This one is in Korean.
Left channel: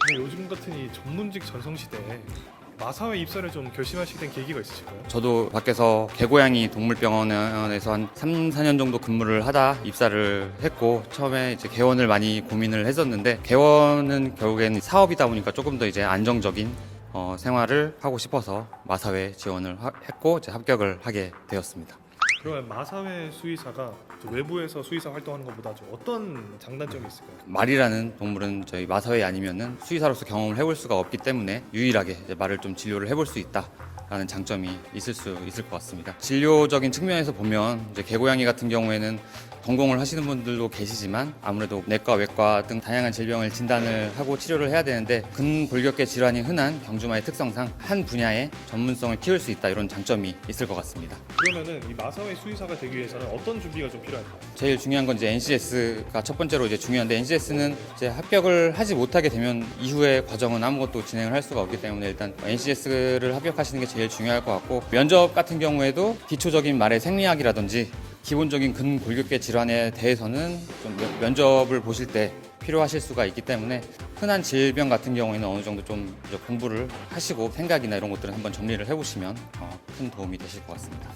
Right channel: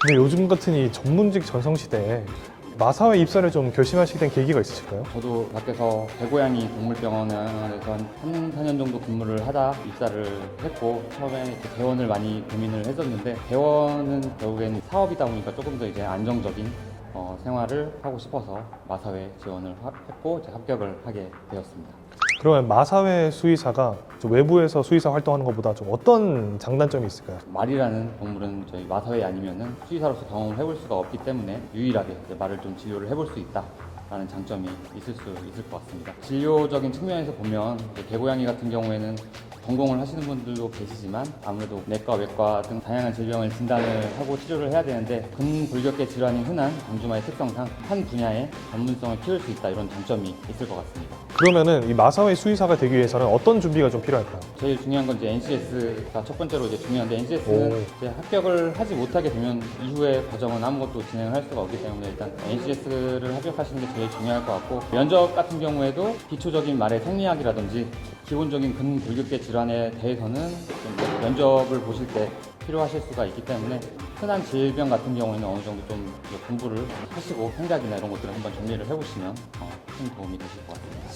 근데 요즘 같은 이 전문직 전성 시대에 마사회 입사를 좀 결심하시게 된 계기가 있으실까요? 저도 밖에서 개고양이 동물병원에서 한 3, 4년 정도 근무를 하다 입사를 했고 처음에 이제 개원을 많이 고민을 했었는데 개원은 결국에는 사업이다 보니까 조금 더 이제 안정적인 어, 생활을 하고 싶어서 마사회 지원을 하- 했고 이제 합격을 하게 되었습니다. 그러면 마사회 수의사가 좀 외부에서 수의사 활동하는 것보다 좀 어떤 장단점이 있을까요? 말이라는 동물은 저희 마사회 아니면은 수의사로서 경험을 해볼 수가 없기 때문에 유일하게 말을 좀 진료를 해볼 수 있다. 라는 장점이 있을 수 있을 것 같습니다. 진료적인 측면에서 보면 이제 개고양이 같은 경우에는 전공을 하시는 분들도 계시지만 아무래도 내과, 외과 등 다양한 질병을 진단을 하고 치료를 해야 되는데 근골격계 질환이 흔한 방주마의 특성상 한 분야의 전문성을 키울 수 있다 이런 장점이 있을 것 같습니다. 그러면은 이 마사회 수의사가 되기 위해서는 어떤 준비가 좀 필요할까요? 제일 중요한 건 이제 NCS가 첫 번째로 이제 중요한데 NCS는 오. 이제 합격을 하지 못하게 되면 이후의 과정은 아무것도 진행을 할 수가 없기 때문에 일단 NCS를 합격하시는 게 제일 중요할 것 같고 면접 같은 경우에도 기초적인 말의 생리학이라든지 기본적인 근골격계 질환에 대해서는 좀 면접을 보실 때 필요하실 수가 있기 때문에 흔한 질병 같은 경우에는 어느 정도 좀 공부를 하시고 생각이나 이런 것들을 한번 정리를 해보시면 어, 큰 도움이 되실 것 같습니다.